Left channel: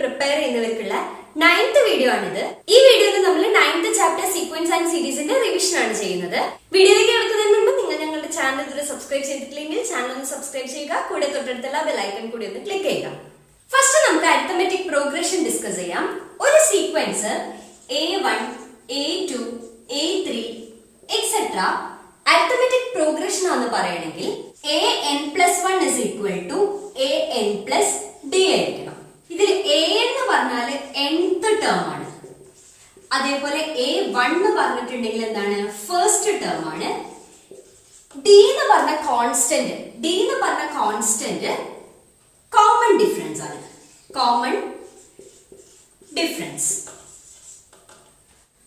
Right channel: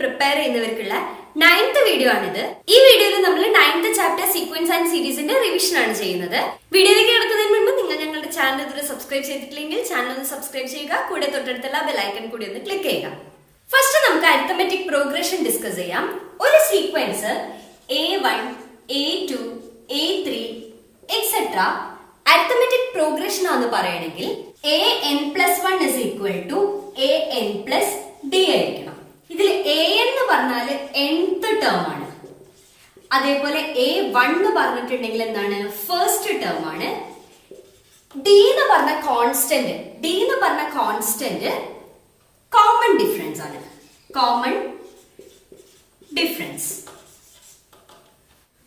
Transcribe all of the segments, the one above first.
Prepare ചെയ്യുന്നവർക്കുള്ള 9th video ആണിത്. ഈ വീഡിയോയിൽ നമ്മൾ 9th ചാപ്റ്റർ സീക്വൻസ് ആൻഡ് സീരീസിന്റെ റിവിഷൻ ആണ് ചെയ്യുന്നത്. വീഡിയോയിലേക്ക് കിടക്കുന്നതിന് മുൻപ് നിങ്ങൾ ഞങ്ങളുടെ ചാനൽ ഇതുവരെ സബ്സ്ക്രൈബ് ചെയ്തിട്ടില്ലെങ്കിൽ ചാനൽ ഒന്ന് സബ്സ്ക്രൈബ് ചെയ്യുക. കൂടെ തൊട്ടടുത്തുള്ള ബെൽ ഐക്കൺ കൂടി ഒന്ന് ക്ലിക്ക് ചെയ്യുക. ഫസ്റ്റ് നമുക്ക് അരിത്തമെറ്റിക് പ്രോഗ്രഷൻ ഡിസ്കസ് ചെയ്യാം. ഒരു sequence A1, A2, A3 etcetera arithmetic progression ആണെന്ന് പറയുകയാണെങ്കിൽ an+1 is equal to an+d ആയിരിക്കണം. ഇതിൽ a എന്ന് പറഞ്ഞാൽ nth ടേം ആണ്. അതേപോലെ a1 എന്ന് പറഞ്ഞിട്ടുണ്ടെങ്കിൽ എന്താണ്, ഫസ്റ്റ് ടേം ആണ്. d എന്ന് പറഞ്ഞ കോൺസ്റ്റന്റ് കോമൺ ഡിഫറൻസ് ആണ്. Common difference.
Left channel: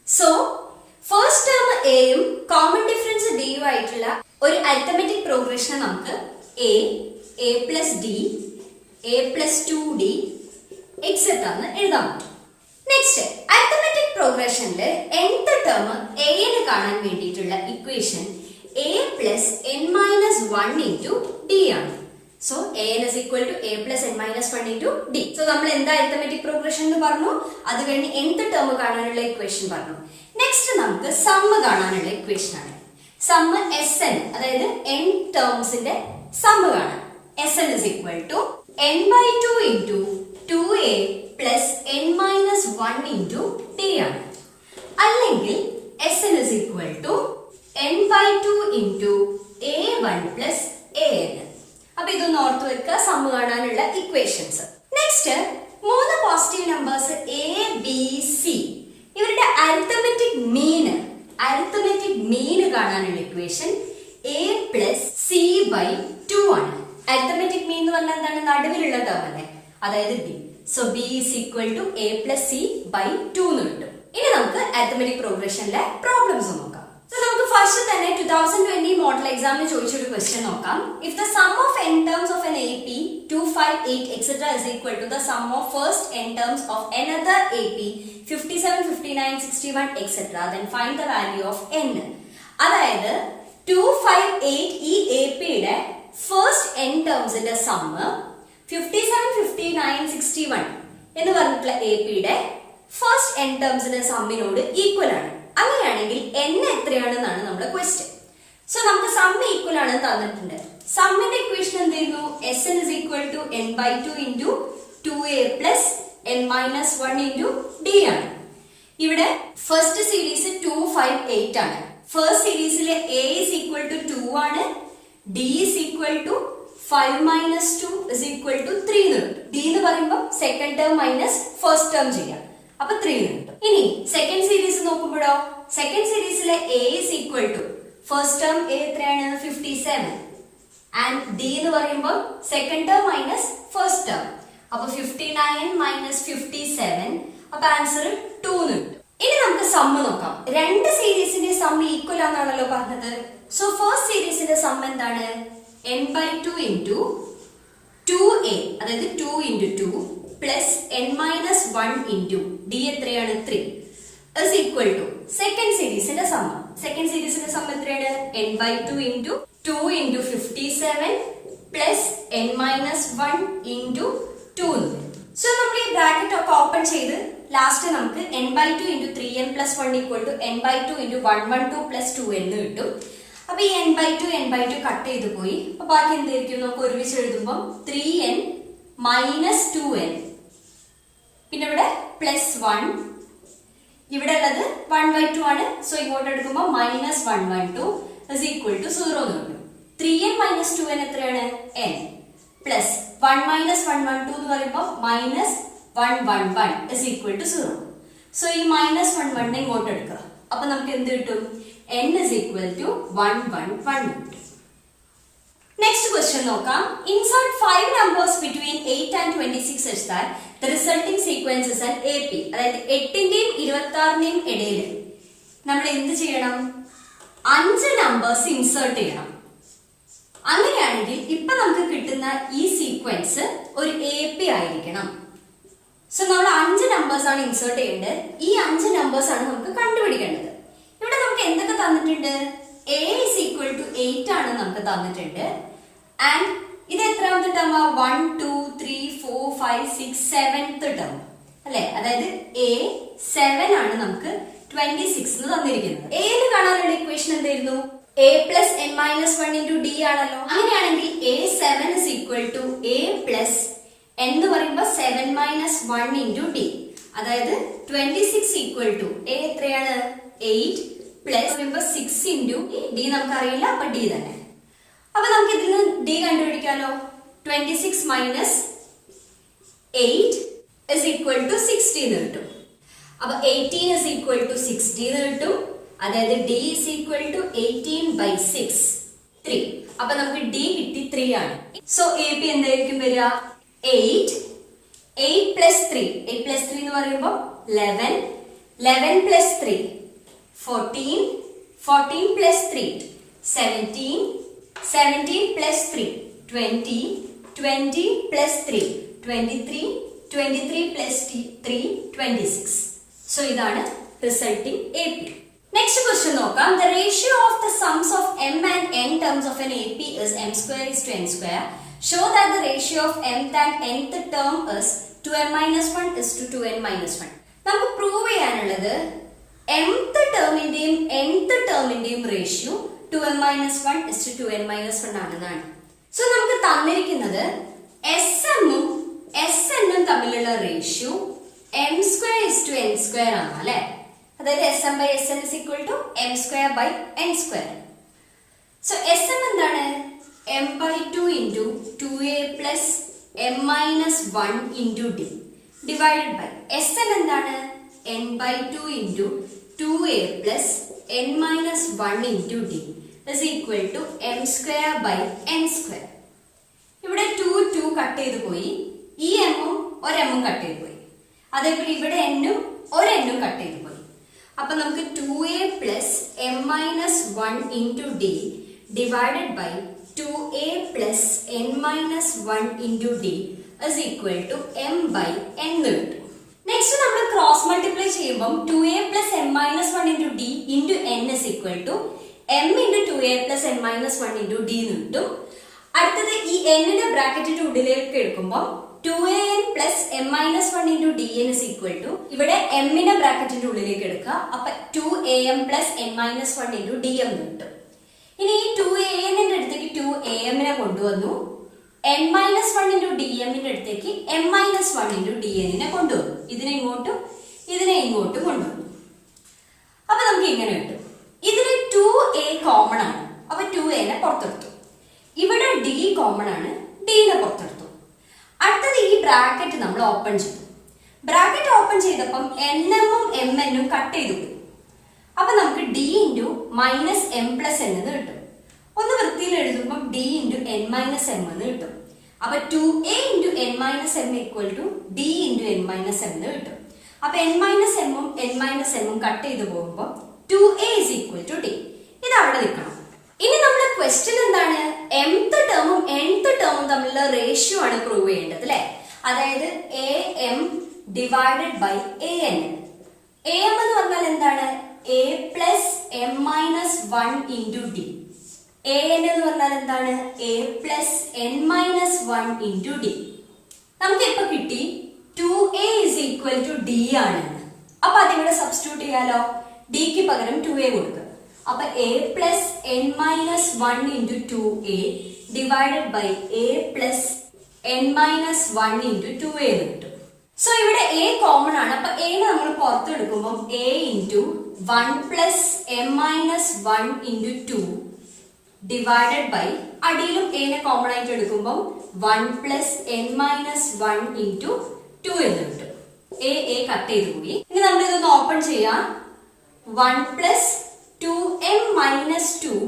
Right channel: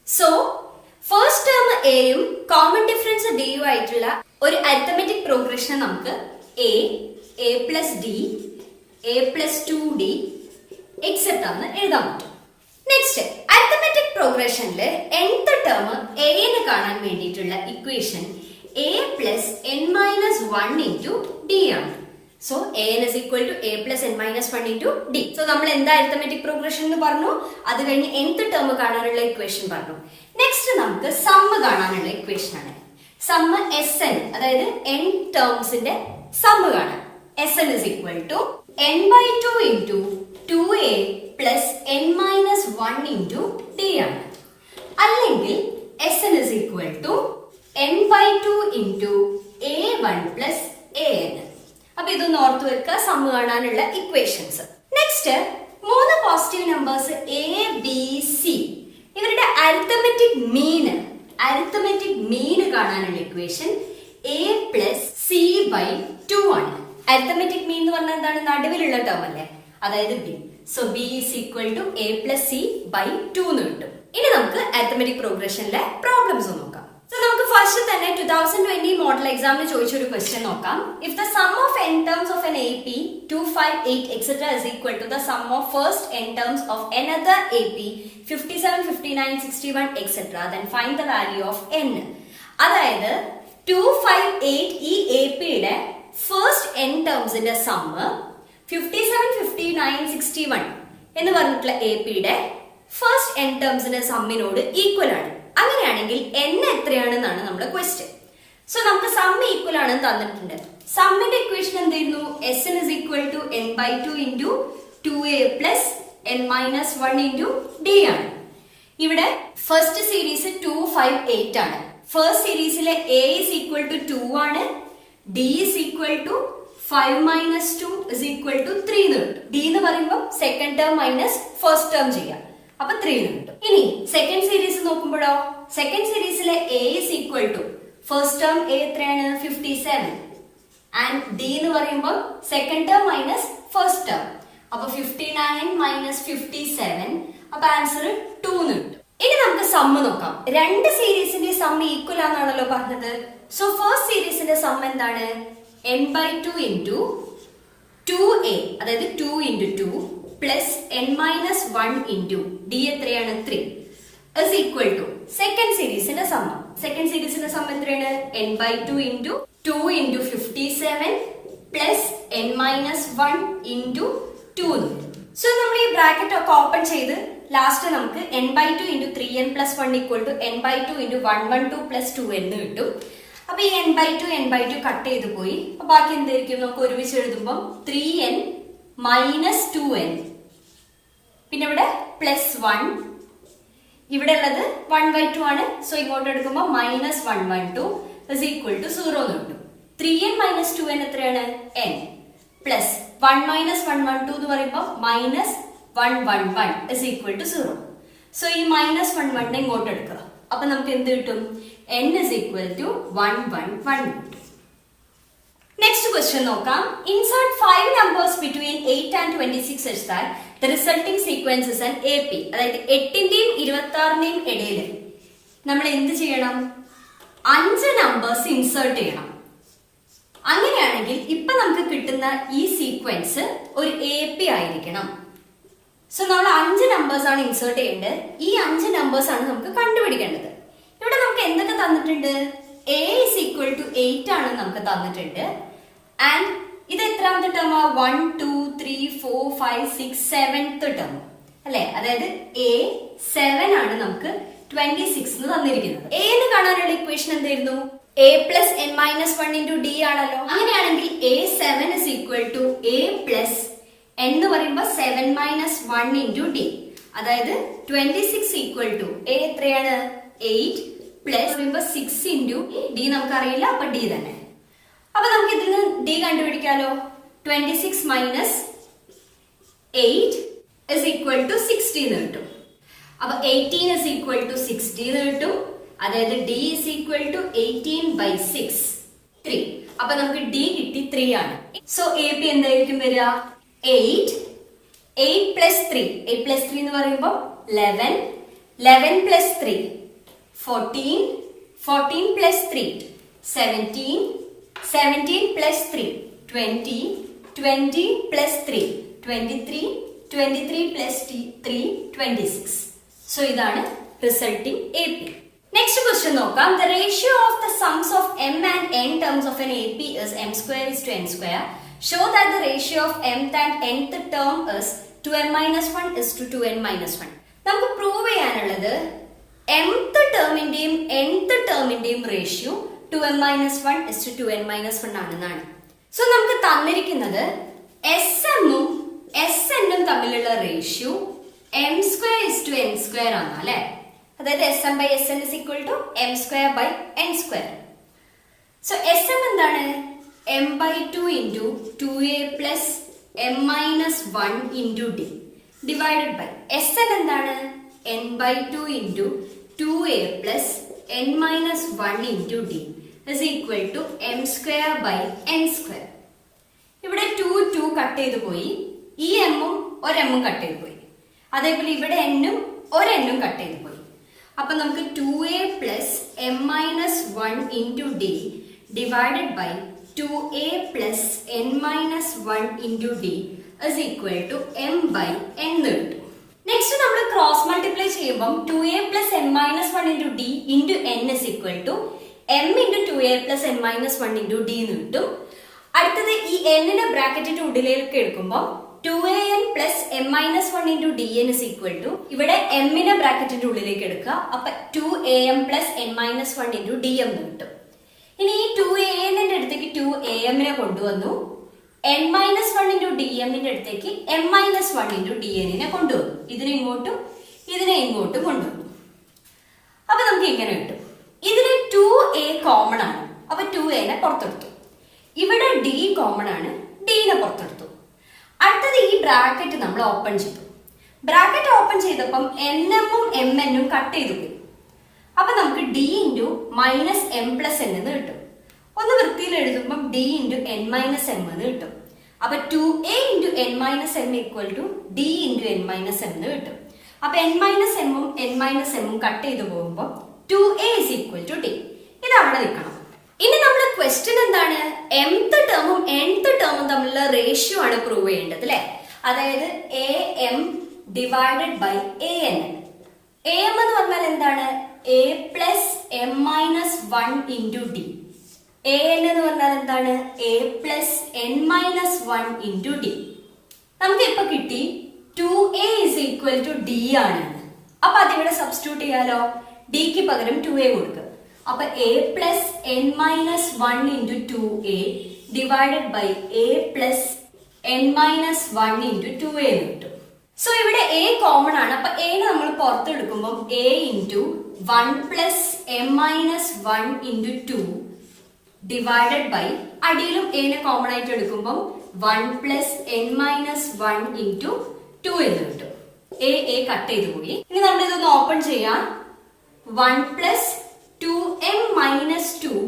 So first term എയും കോമൺ ഡിഫറൻസ് ഡിയും ആയിട്ടുള്ള ഒരു അരിത്തമെറ്റിക് പ്രോഗ്രഷനെ നമുക്ക് a+d, a+2d എക്സെട്ര എന്ന് എഴുതാൻ പറ്റും. നെക്സ്റ്റ് അരിത്തമെറ്റിക് പ്രോഗ്രഷനിൽ nth ടേം a ന് കാണാൻ വേണ്ടിയിട്ടുള്ള ഇക്വേഷൻ a+n-1 into d ആണ്. So an is equal to a+n-1 into d. So നമ്മൾ എന്താ അരിത്തമെറ്റിക് പ്രോഗ്രഷൻ എന്ന് പറഞ്ഞു, അത് കഴിഞ്ഞ് nth ടേം കാണാനുള്ള ഇക്വേഷൻ പറഞ്ഞു. നെക്സ്റ്റ് നമുക്ക് സമ്മ് കാണാനുള്ള ഇക്വേഷൻ ആണ്. സമ്മ് Sn, അതായത് n ടേംസിന്റെ സമ്മ് കാണാൻ. Sn is equal to n/2 into 2a plus n-1 into d ആണ്. അല്ലെങ്കിൽ Sn is equal to n/2 into a1 plus an. അപ്പൊ ഇതൊന്ന് ഓർത്ത് വെക്കുക, സമ്മ് കാണാനുള്ള ഇക്വേഷൻസ്. നെക്സ്റ്റ് മൂന്ന് positive numbers a, b, c ഇവരുടെ അരിത്തമെറ്റിക് മീൻ കാണാനുള്ള ഇക്വേഷൻ a+c/2 ആണ്. അരിത്തമെറ്റിക് മീൻ എന്ന് പറഞ്ഞാൽ എന്താണ്, നടുവിലുള്ള ടേം അല്ലേ, അതായത് b. So b is equal to a+c/2 എന്ന് കിട്ടും. ഇനി നമുക്ക് അരിത്തമെറ്റിക് പ്രോഗ്രഷനിലെ പ്രോബ്ലംസ് നോക്കാം. സോ നമുക്ക് ഫസ്റ്റ് തന്നെ 2020 മോഡൽ എക്സാമിന് ചോദിച്ചൊരു ക്വസ്റ്റ്യൻ നോക്കാം. If the sum of n terms of an AP 2, 5, 8 etc is equal to the sum of first n terms of another AP 57, 59, 61 etc, then find the value of n. അതായത് 2, 5, 8 ഈ AP യുടെ first n ടേംസിന്റെ sum 57, 59, 61 എന്ന് പറഞ്ഞിട്ടുള്ള AP യുടെ first n ടേംസിന്റെ സമ്മിനോട് equal ആണ്. അങ്ങനെയാണെങ്കിൽ n എത്രയാണെന്നാണ് നമ്മുടെ ക്വസ്റ്റ്യൻ. സോ നമുക്ക് സമ്മ് ഈക്വൽ ആണെന്ന് തന്നിട്ടുണ്ട്. സമ്മിന്റെ ഇക്വേഷൻ എന്തായിരുന്നു, Sn is equal to n/2 into 2a plus n-1 into d ആണ്. ഇവിടെ ഫസ്റ്റ് സീരീസ് 2, 5, 8 ആണ്. ഫസ്റ്റ് സീരീസിലെ a is equal to 2 ആണ്, d is equal to 5 minus 2 is equal to 3 എന്ന് കിട്ടും. d എന്ന് പറയുമ്പോൾ second term minus first term ചെയ്യാം, അപ്പൊ 3 എന്ന് കിട്ടും. ഇനി സെക്കൻഡ് സീരീസ് നോക്കുമ്പോഴോ, സെക്കൻഡ് സീരീസിലെ a is equal to first term a എത്രയാണ്, 57 ആൻഡ് d എന്ന് പറയുമ്പോൾ second term minus first term, അപ്പൊ 59 മൈനസ് 57, അപ്പൊ ആൻസർ 2 എന്ന് കിട്ടും. ഇനി നമുക്ക് സമ്മ് നോക്കാം. രണ്ട് സീരീസിന്റെ സമ്മ് ഈക്വൽ ആണെന്നാണല്ലോ പറഞ്ഞത്. സോ ഫസ്റ്റ് സീരീസിന്റെ സമ്മ് എന്താണ്, n/2 into 2a, അതായത് 2 into 2 plus n-1 into d എത്രയാണ്, 3 is equal to സെക്കൻഡ് സീരീസിന്റെ സമ്മ്. സെക്കൻഡ് സീരീസിന്റെ സമ്മ് എത്രയാണ്, n/2 into 2 into 57 plus n-1 into 2. So നമ്മൾ ഈ ബ്രാക്കറ്റ് ഒക്കെ ഓപ്പൺ ചെയ്ത് ലാസ്റ്റ് നമുക്ക് n/2 into 3n plus 1 equal to n/2 into 112 plus 2n എന്ന് കിട്ടും. അപ്പൊ ഈ n/2 കട്ട് ചെയ്ത് പോയി. അപ്പൊ ബാക്കി എന്തായിരിക്കും, നമുക്ക് ഒരുമിച്ച് എഴുതുമ്പോൾ 3n minus 2n, പിന്നെ ഇവിടെ പ്ലസ് 1, ഇവിടെ ഉള്ളത് 1/2 ആണ്. സോ ഇങ്ങോട്ട് എടുക്കുമ്പോൾ മൈനസ് 112 is equal to 0 എന്ന് കിട്ടും. 3n minus 2n എത്രയാണ്, n പ്ലസ് 1 minus 112 എന്ന് പറയുമ്പോൾ minus 111 is equal to 0. So ഈ മൈനസ് 111 ഇങ്ങോട്ട് എടുക്കുക, അപ്പൊ നമുക്ക് എന്ത് കിട്ടും, n is equal to 111. Next question നോക്കാം. Insert 5 numbers between 8 and 26 such that the resulting sequence is an AP. അതായത് 8ന്റെയും 26ന്റെയും ഇടയിൽ നമ്മൾ എന്ത് ചെയ്യണം, 5 നമ്പേഴ്സ് ഇൻസേർട്ട് ചെയ്യണം. അങ്ങനെയാണെങ്കിൽ ഇപ്പൊ നമുക്ക് കിട്ടുന്ന ഈ സീക്വൻസ് ഒരു AP ആയിരിക്കണം. സോ നമ്മൾ 5 നമ്പേഴ്സ് ആണ് ഇൻസേർട്ട് ചെയ്യേണ്ടത്. ഈ 5 നമ്പേഴ്സ് ആണ് നമുക്ക് കണ്ടുപിടിക്കേണ്ടത്. ഇവിടെ നമുക്ക് എന്തൊക്കെ തന്നിട്ടുണ്ട്, a is equal to 8 ആണ് നമുക്ക് തന്നിട്ടുണ്ട്. ആൻഡ് ഇത് എത്രാമത്തെ ടേം, 1, 2, 3 4 5 6 7th ടേം അല്ലെ. അതായത് A7 ആണ് നമുക്ക് 26 തന്നിരിക്കുന്നത്. A എന്ന് കാണാനുള്ള ഇക്വേഷൻ എന്തായിരുന്നു? A plus n minus 1 into D ആണല്ലോ. അങ്ങനെയാണെങ്കിൽ A7 is equal to A plus n എന്ന് പറയുമ്പോൾ 7 minus 1 into D. അതായത് 26 equal to A എത്രയാണ്? 8 plus പറയുമ്പോൾ 6 into D നമുക്കറിയില്ല, അപ്പൊ D തന്നെ. അപ്പൊ നമുക്ക് ഇതിൽ നിന്ന് D കണ്ടുപിടിക്കാലോ. 26 minus 8 is equal to 60 എന്ന് കിട്ടും. അപ്പൊ 18 is equal to 60 എന്ന് കിട്ടും. അതായത് D is equal to 18 by 6 3. അപ്പൊ നമുക്ക് D കിട്ടി 3 ആണ്. സോ AP എന്തായിരിക്കും വരിക? 8 plus 3 8 plus 3 എന്ന് പറയുമ്പോൾ 11 plus 3 14 plus 3 17 plus 3 20 plus 3 23 plus 3 26. So ഇതാണ് റിസൾട്ടിംഗ് AP. നെക്സ്റ്റ് ക്വസ്റ്റ്യൻ നോക്കാം. The ratio of the sums of m and n terms of an AP is m square is to n square. Show that the ratio of mth and nth term is 2n minus 1 is to 2n minus 1. നമുക്ക് prove ചെയ്യാനുള്ളത് mth ടേമിന്റെയും nth ടേമിന്റെയും ratio 2n minus 1 is to 2n minus 1 ആണെന്നാണ്. So നമുക്ക് തന്നിരിക്കുന്നത് SM ഉം SN ഉം തമ്മിലുള്ള ratio m square is to n square ആണ് അല്ലെ. അതായത് SM by SN is equal to m square by n square. So SM എന്താണ്? m by 2 into 2a plus m minus 1 into D divided by SN എന്താണ്? n by 2 into 2a plus n minus 1 into D is equal to m square by n square. ഇവിടെ 2 cut ചെയ്ത് പോയി, ഈ m ഉം ഒരു m ഉം cut ചെയ്ത് പോയി. അതേപോലെ ഇവിടെ n ഉം ഒരു n ഉം കട്ട് ചെയ്ത് പോയി. അപ്പൊ നമുക്ക് 2a plus m minus 1 into D divided by 2a plus n minus 1 into D is equal to m by n കിട്ടും. നെക്സ്റ്റ് നമ്മൾ ക്രോസ് മൾട്ടിപ്ലൈ ചെയ്യുമ്പോൾ 2a plus m minus 1 into D into n is equal to m into 2a plus n minus 1 into D എന്ന് കിട്ടും. അടുത്തത് ഈ n ന്റെ ബ്രാക്കറ്റിന്റെ ഉള്ളിലേക്ക് എടുക്കുമ്പോൾ 2an plus m minus 1 into dn is equal to ഇവിടെ m ന്റെ ബ്രാക്കറ്റിന്റെ ഉള്ളിലേക്ക് എടുക്കുക. അപ്പൊ 2am plus n minus 1 into dm എന്ന് കിട്ടും. ഇനി ഈ 2an ന്റെ അടുത്തേക്ക് 2am നെ കൊണ്ടുവന്നു, n minus 1 into dm ന്റെ അടുത്തേക്ക് m minus 1 into dn നെ കൊണ്ടുവന്നു. ഇതിനെ ഇങ്ങോട്ടും കൊണ്ടുവന്നു. അപ്പൊ നമുക്ക് ഇങ്ങനെ കിട്ടും. ഇതിന് 2a കോമൺ ആണ്, അപ്പൊ 2a നെ പുറത്തെടുത്തു. ഇവിടെ d കോമൺ ആണ്, d നെ പുറത്തെടുത്തു. അടുത്തത് ഈ ബ്രാക്കറ്റ് നമ്മൾ ഓപ്പൺ ചെയ്തു. ബ്രാക്കറ്റ് ഓപ്പൺ ചെയ്തപ്പം nm ഉം mn ഉം കട്ട് ചെയ്തു പോയി. അപ്പൊ നമുക്ക് d into minus m plus n എന്ന് കിട്ടും. ഒന്ന് വൃത്തിയിൽ എഴുതുമ്പോൾ d into n minus m എന്ന് കിട്ടും. അപ്പൊ 2a into n minus m equal to d into n minus m എന്ന് കിട്ടും. അപ്പൊ n മൈനസ് m ഉം n മൈനസ് m ഉം കട്ട് ചെയ്ത് പോകുമ്പോൾ 2a is equal to d. ഇത് അവിടെ നിൽക്കണം. ഇനി നമ്മുടെ ക്വസ്റ്റ്യൻ എന്താണ്? mth ടേമും nth ടേമും തമ്മിലുള്ള റേഷ്യോ ആണ് പ്രൂവ് ചെയ്യേണ്ടത് അല്ലെ. അതായത് am divided by an. am എന്ന് പറഞ്ഞാൽ എന്താണ്? a plus m minus 1 into d. an എന്ന് പറഞ്ഞാൽ എന്താണ്? a plus n minus 1 into d. നമുക്ക് ഇപ്പൊ കിട്ടി 2a is equal to d ആണ്. അപ്പൊ അതിവിടെ സബ്സ്റ്റിറ്റ്യൂട്ട് ചെയ്യാലോ. d ക്ക് പകരം 2a കൊടുക്കുക. അപ്പൊ a plus n minus 1 into 2a divided by a plus n minus 1 into 2a എന്ന് കിട്ടും. സോ ഇവിടെ a കോമൺ ആണ്. അപ്പൊ a നമ്മൾ പുറത്തെടുക്കുമ്പോൾ a into 1 plus m minus 1 into 2 divided by അടിയിലും a നെ കോമൺ ആയിട്ട് എടുക്കുമ്പോൾ 1 പ്ലസ് n മൈനസ് 1 ഇൻറ്റു 2 എന്ന് കിട്ടും. a കട്ട് ചെയ്ത് പോയി. ഇനി നമ്മൾ ഇതൊന്ന് ഓപ്പൺ ചെയ്യാം. 1 plus 2m minus 2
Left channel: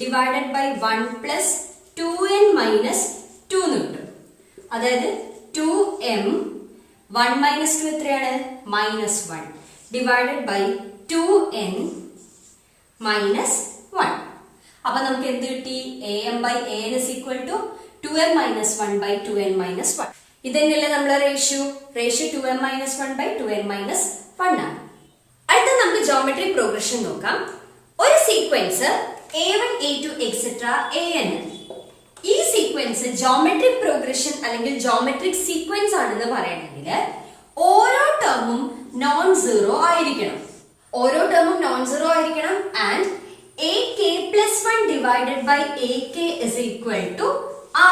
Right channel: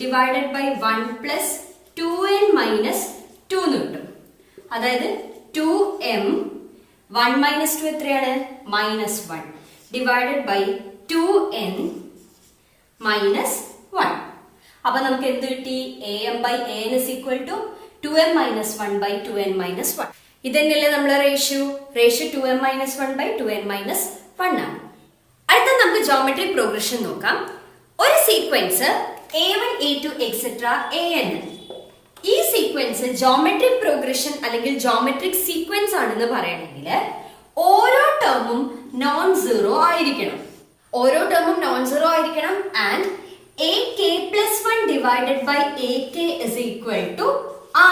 divided by 1 plus 2n minus 2 എന്ന് കിട്ടും. അതായത് 2m 1 മൈനസ് 2 എത്രയാണ്? Minus 1 divided by 2n minus 1. അപ്പൊ നമുക്ക് എന്ത് കിട്ടി? am by an is equal to 2m minus 1 by 2n minus 1. ഇതന്നെയല്ലേ നമ്മുടെ ratio 2m minus 1 by 2n minus 1 ആണ്. അടുത്ത നമുക്ക് ജോമെട്രി പ്രോഗ്രഷൻ നോക്കാം. ഒരു sequence a1 a2 etcetera an. ഈ സീക്വൻസ് ജോമെട്രിക് പ്രോഗ്രഷൻ അല്ലെങ്കിൽ ജോമെട്രിക് സീക്വൻസ് ആണെന്ന് പറയണമെങ്കിൽ ഓരോ ടേമും നോൺ സീറോ ആയിരിക്കണം. ഓരോ ടേമും നോൺ സീറോ ആയിരിക്കണം. And ak+1 divided by ak is equal to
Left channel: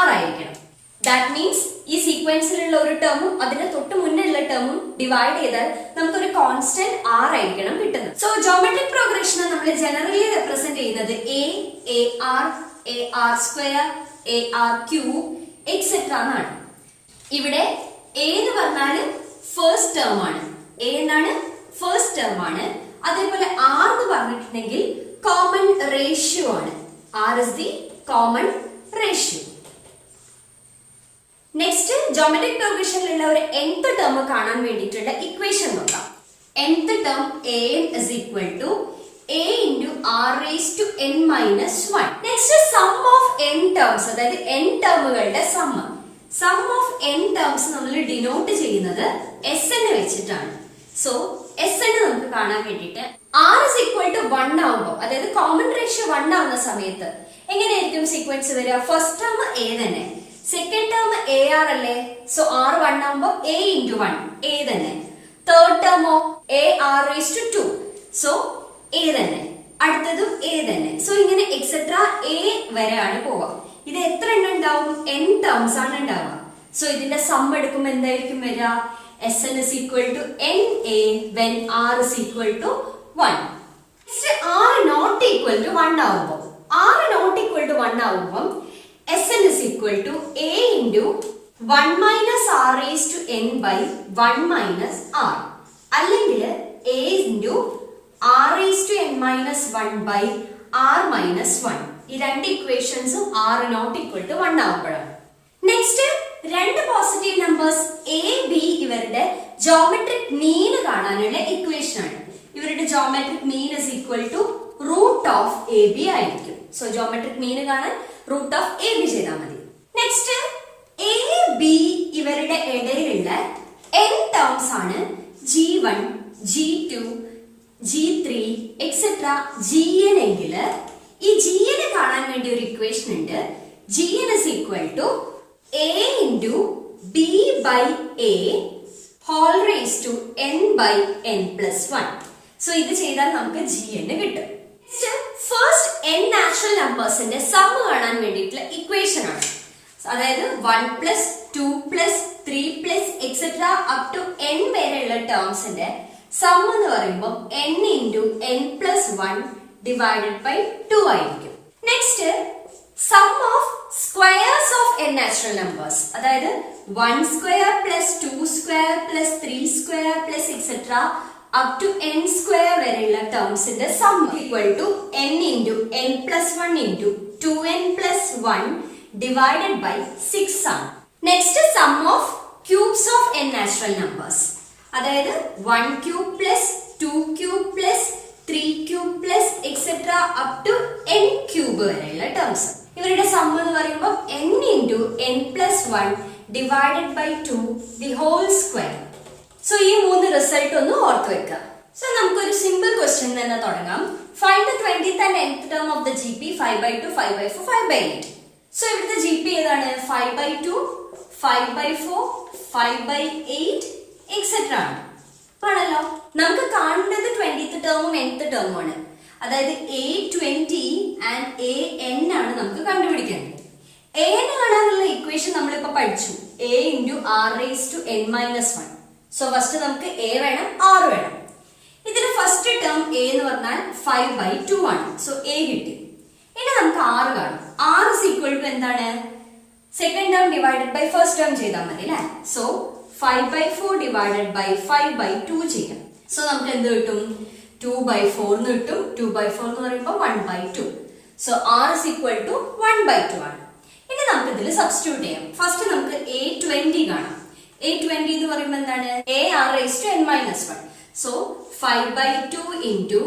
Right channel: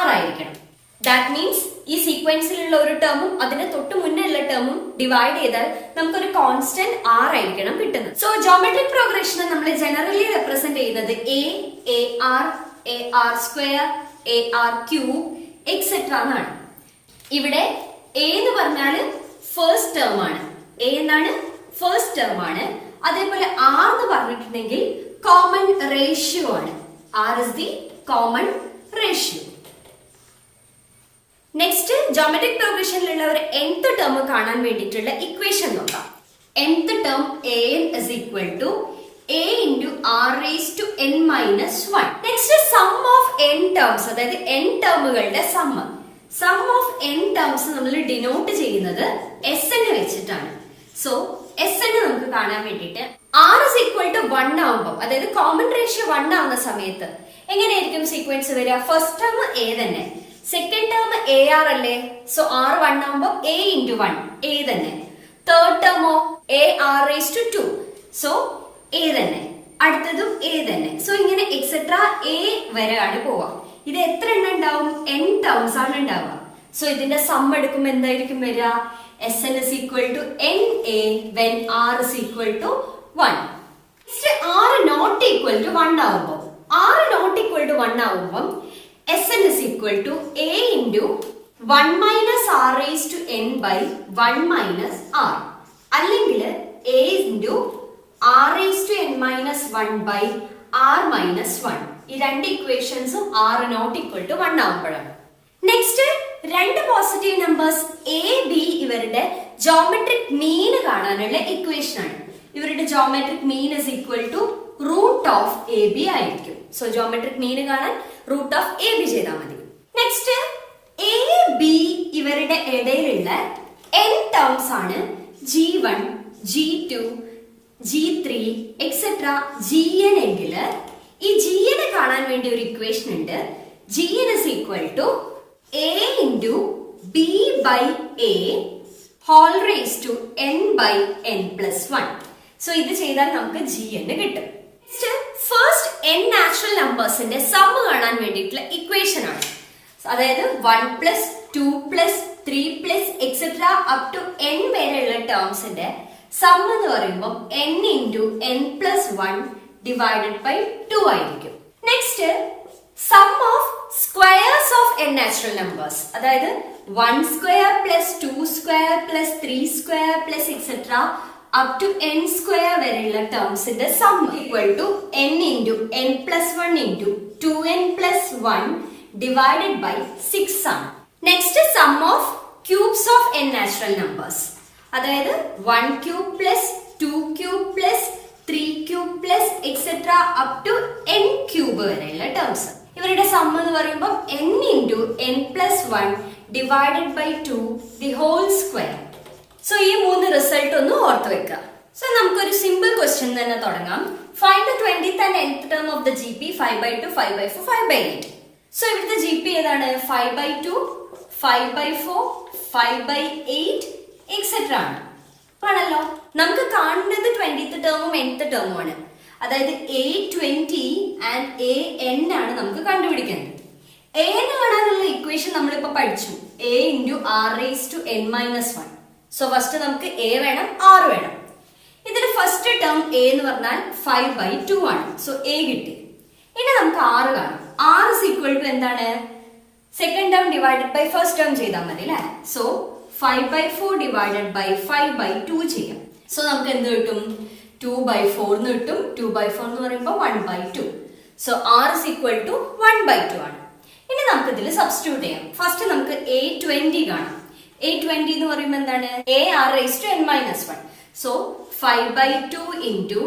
r ആയിരിക്കണം. ദാറ്റ് മീൻസ് ഈ സീക്വൻസിലുള്ള ഒരു ടേമും അതിന് തൊട്ട് മുന്നേ ഉള്ള ടേമും ഡിവൈഡ് ചെയ്താൽ നമുക്കൊരു കോൺസ്റ്റന്റ് r ആയിരിക്കണം കിട്ടുന്നത്. സോ ജോമെട്രിക് പ്രോഗ്രഷനെ നമ്മൾ ജനറലി റെപ്രസെന്റ് ചെയ്യുന്നത് ar square ar cube etcetera എന്നാണ്. ഇവിടെ a എന്ന് പറഞ്ഞാൽ ഫസ്റ്റ് ടേം ആണ്. a എന്താണ്? ഫസ്റ്റ് ടേം ആണ്. അതേപോലെ r എന്ന് പറഞ്ഞിട്ടുണ്ടെങ്കിൽ കോമൺ റേഷ്യോ ആണ്. r is the common ratio. Next geometric പ്രോഗ്രഷനിലുള്ള ഒരു nth ടേം കാണാൻ വേണ്ടിയിട്ടുള്ള ഇക്വേഷൻ നോക്കാം. nth term an is equal to a into r raised to n minus 1. Next sum of n terms, അതായത് n ടേമുകളുടെ sum of n terms നമ്മൾ denote ചെയ്യുന്നത് s എന്ന് വെച്ചിട്ടാണ്. സോ s എന്ന് നമുക്ക് കാണാൻ വേണ്ടിയിട്ട് r is equal to 1 ആവുമ്പോൾ, അതായത് കോമൺ റേഷ്യോ 1 ആവുന്ന സമയത്ത് എങ്ങനെയായിരിക്കും സീക്വൻസ് വരിക? ഫസ്റ്റ് ടേം a തന്നെ, സെക്കൻഡ് ടേം ar അല്ലേ? സോ r 1 ആവുമ്പോൾ a into 1 a തന്നെ. തേർഡ് ടേമോ ar raised to 2, so a തന്നെ. അടുത്തതും a തന്നെ. സോ ഇങ്ങനെ എക്സെട്ര a വരെയാണ് പോവുക. ഇത് എത്ര എണ്ണം ഉണ്ടാവും? n ടേംസ് ആണ് ഉണ്ടാവുക. സോ ഇതിന്റെ സം എടുക്കുമ്പോൾ എന്തായിരിക്കും വരിക? Sn is equal to na when r is equal to 1. r not equal to 1 ആവുമ്പോൾ, r not equal to 1 ആവുമ്പോൾ Sn is equal to a into 1 minus r raised to n by 1 minus r, അല്ലെങ്കിൽ a into r raised to n minus 1 by r minus 1. ഈ രണ്ട് ഇക്വേഷൻസും r not equal to 1 ആവുമ്പോഴാണ്. Next രണ്ട് positive numbers a b ഇവരുടെ geometric mean കാണാനുള്ള equation ആണ്. ഇവരുടെ geometric mean is equal to root of ab ആയിരിക്കും. സോ ജോമെട്രിക് മീൻ കാണാൻ റൂട്ട് ഓഫ് ab ചെയ്താൽ മതി. നെക്സ്റ്റ് a b ഇവരുടെ ഇടയിലുള്ള n ടേംസ് ആണ് g1 g2 g3 etcetera gn എങ്കിൽ ഈ gn കാണാൻ വേണ്ടി ഒരു ഇക്വേഷൻ ഉണ്ട്. gn is equal to a into b by a whole raised to n by n plus 1. So ഇത് ചെയ്താൽ നമുക്ക് gn കിട്ടും. ഫസ്റ്റ് n നാച്ചുറൽ നമ്പേഴ്സിന്റെ സം കാണാൻ വേണ്ടിയിട്ടുള്ള ഇക്വേഷൻ ആണ്. അതായത് 1 plus 2 plus 3 plus etcetera up to n വരെയുള്ള ടേംസിന്റെ സം എന്ന് പറയുമ്പോൾ n into n plus 1 divided by 2 ആയിരിക്കും. Next sum of squares of n natural numbers, അതായത് 1 square plus 2 square plus 3 square plus etcetera up to n square വരെയുള്ള ടേംസിന്റെ sum equal to n into n plus 1 into 2n plus 1 divided by 6 ആണ്. Next sum of cubes of n natural numbers, അതായത് 1 cube plus 2 cube plus 3 cube plus etcetera up to n cube വരെയുള്ള terms. ഇവരുടെ sum എന്ന് പറയുമ്പോൾ n into n plus 1 divided by 2 the whole square. So ഈ മൂന്ന് result ഒന്ന് ഓർത്ത് വെക്കുക. സോ നമുക്കൊരു സിമ്പിൾ ക്വസ്റ്റ്യൻ തന്നെ തുടങ്ങാം. Find the 20th and nth term of the GP 5/2 5/4 5/8. So ഇവിടുത്തെ GP ഏതാണ്? 5/2 5/4 5/8 എക്സെട്ര ആണല്ലോ. നമുക്ക് കാണുന്നത് 20th ടേമും nth ടേമും ആണ്. അതായത് a20 and an ആണ് നമുക്ക് കണ്ടുപിടിക്കേണ്ടത്. an കാണാനുള്ള ഇക്വേഷൻ നമ്മളിപ്പോ പഠിച്ചു, a into r raised to n minus 1. So first നമുക്ക് a വേണം, r വേണം. ഇതിൽ ഫസ്റ്റ് ടേം a എന്ന് പറഞ്ഞാൽ 5/2 ആണ്. സോ a കിട്ടി. ഇനി നമുക്ക് r കാണാം. r is equal to എന്താണ്? Second term divided by first term ചെയ്താൽ മതി അല്ലേ? സോ 5/4 divided by 5/2 ചെയ്യാം. സോ നമുക്ക് എന്ത് കിട്ടും? 2/4 എന്ന് കിട്ടും. 2/4 എന്ന് പറയുമ്പോൾ 1/2. So r is equal to 1/2 ആണ്. ഇനി നമുക്ക് ഇതിൽ സബ്സ്റ്റിറ്റ്യൂട്ട് ചെയ്യാം. ഫസ്റ്റ് നമുക്ക് a20 കാണാം. a20 എന്ന് പറയുമ്പോൾ എന്താണ്? ar raised to n minus 1. So 5/2 into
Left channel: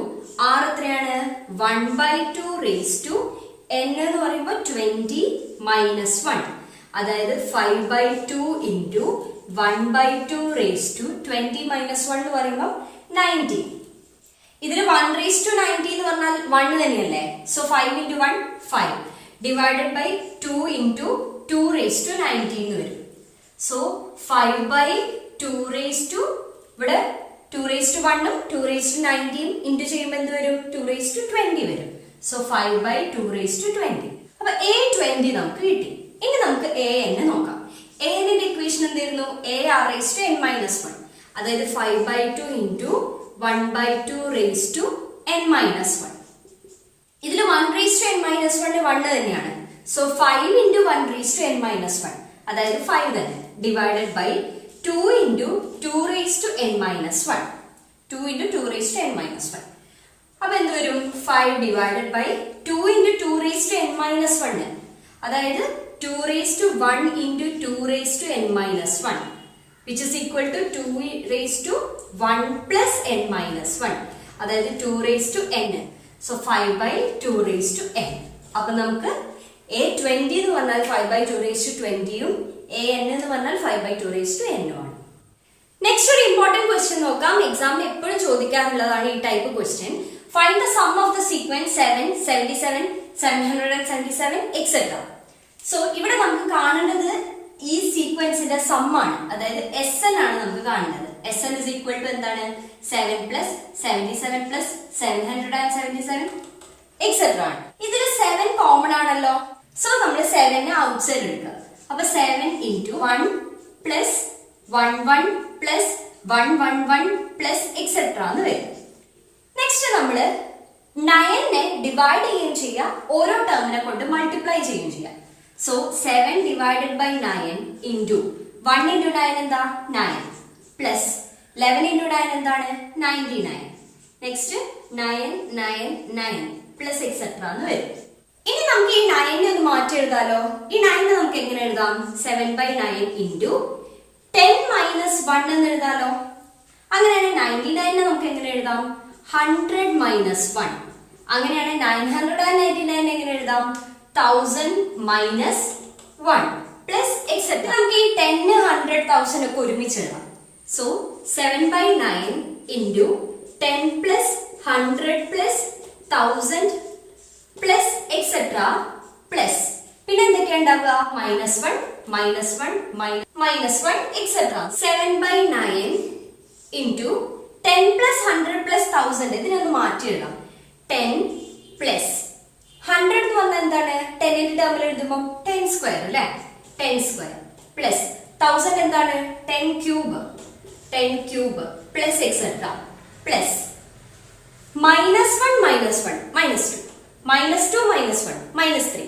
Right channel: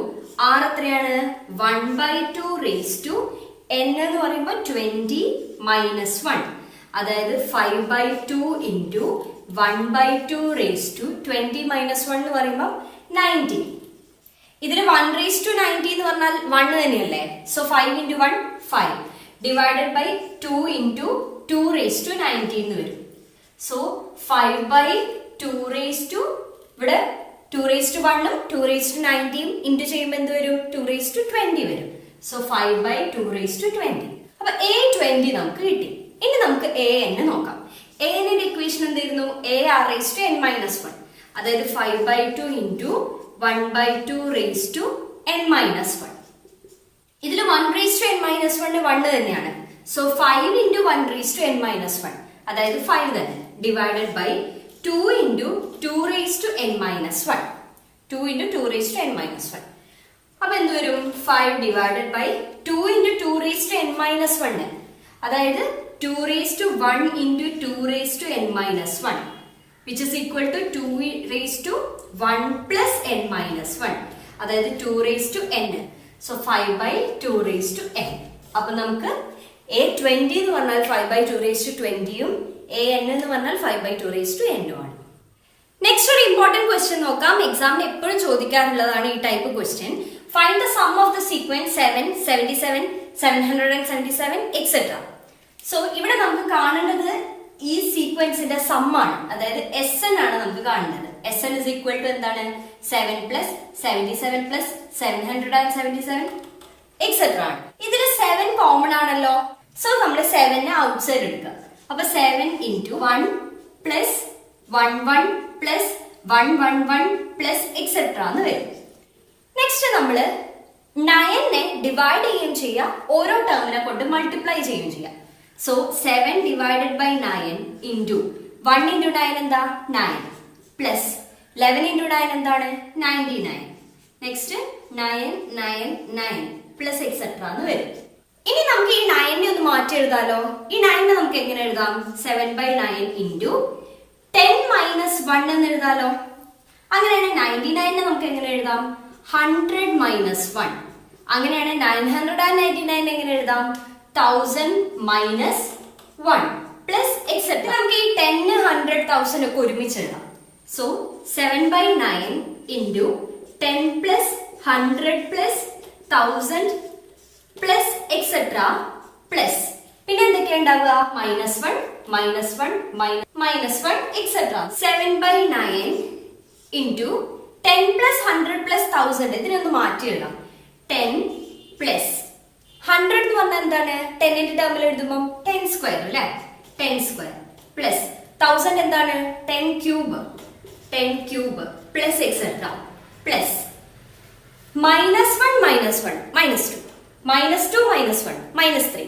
r എത്രയാണ്? 1/2 raised to n എന്ന് പറയുമ്പോൾ 20 minus 1. അതായത് 5/2 into 1/2 raised to 20 minus 1 എന്ന് പറയുമ്പോൾ 90. ഇതിന് 1 raised to 90 എന്ന് പറഞ്ഞാൽ 1 തന്നെയല്ലേ? So 5 into 1 5. Divided by 2 into 2 raise to 19 എന്ന് വരും. സോ 5 ബൈ 2 റേസ് ടു ഇവിടെ 2 റേസ് ടു 1 ഉം 2 റേസ് ടു 19 ഇൻറ്റു ചെയ്യുമ്പോൾ എന്ത് വരും? 2 റേസ് ടു 20 വരും. So 5 by 2 raise to 20. അപ്പൊ a20 നമുക്ക് കിട്ടി. ഇനി നമുക്ക് an നോക്കാം. an ന്റെ ഇക്വേഷൻ എന്തായിരുന്നു? a r raise to n minus 1, അതായത് 5 by 2 into 1 by 2 raise to n minus 1. ഇതിൽ 1 റേസ് ടു n മൈനസ് 1 1 തന്നെയാണ്. So 5 into 1 raise to n minus 1, അതായത് 5 തന്നെ, divided by 2 into 2 raise to n minus 1. 2 into 2 raise to n minus 1. അപ്പൊ എന്ത് വരും? 5 divided by 2 into 2 raise to n minus 1, അതായത് 2 raise to 1 into 2 raise to n minus 1, which is equal to 2 raised to 1 plus n minus 1, അതായത് 2 raised to n. So 5 by 2 raised to n. അപ്പൊ നമുക്ക് a20 എന്ന് പറഞ്ഞാൽ 5 by 2 raised to 20 ഉം an എന്ന് പറഞ്ഞാൽ 5 by 2 raised to n ഉം ആണ്. നെക്സ്റ്റ് ഒരു ഇമ്പോർട്ടന്റ് ക്വസ്റ്റ്യൻ നോക്കാം. എക്സാമിന് എപ്പോഴും ചോദിക്കാറുള്ളതാണ് ഈ type question. Find the sum of the sequence 7, 77, 777 etcetera. So ഇവിടെ നമുക്ക് കാണേണ്ടത് ഈ സീക്വൻസിന്റെ സം ആണ്, അതായത് Sn ആണ് നമുക്ക് കാണുന്നത്. Sn is equal to എന്താണ്? 7 plus 77 plus 777 എക്സെട്ര ആണ്. ഇതിൽ 7 കോമൺ ആണല്ലോ. സോ നമ്മൾ 7 ഔട്ട്സൈഡ് എടുക്കുക. അപ്പൊ 7 into 1 plus 11 plus 111 plus etcetera എന്ന് വരും. നെക്സ്റ്റ് നമ്മള് 9 ഡിവൈഡ് ചെയ്യുകയും ചെയ്യുക, ഓരോ ടേമിനെ കൊണ്ട് മൾട്ടിപ്ലൈ ചെയ്യുകയും ചെയ്യുക. So 7 divided by 9 into 1 into 9 എന്താ? 9 plus 11 into 9 എന്താണ്? 99. നെക്സ്റ്റ് 9 9 9 plus etc എന്ന് വരും. ഇനി നമുക്ക് ഈ 9 ഒന്ന് മാറ്റി എഴുതാലോ. ഈ 9 നമുക്ക് എങ്ങനെ എഴുതാം? 7 by 9 into 10 minus 1 എന്ന് എഴുതാലോ. അങ്ങനെയാണെങ്കിൽ 99 നമുക്ക് എങ്ങനെ എഴുതാം? 100 minus 1. അങ്ങനെയാണ് 999 എങ്ങനെ എഴുതാം? 1000 minus 1 plus etc. നമുക്ക് ഈ 10, 100, 1000 ഒക്കെ ഒരുമിച്ച് എഴുതാം. So 7 by 9 into 10 plus 100 plus 1000 plus etc. plus പിന്നെ എന്തൊക്കെയാ ഉണ്ടാവുക? -1 -1 -1 etc. 7 by 9 into 10 plus 100 plus 1000. ഇതിനൊന്ന് മാറ്റി എഴുതാം. 10 plus 100 എന്ന് പറഞ്ഞാൽ എന്താണ്? 10 ന്റെ ടേമിൽ എഴുതുമ്പോൾ 10 സ്ക്വയർ അല്ലേ? 10 സ്ക്വയർ പ്ലസ് 1000 എന്താണ്? 10 ക്യൂബ് പ്ലസ് എക്സെട്ര പ്ലസ് -1 -1 -2 -2 -1 -3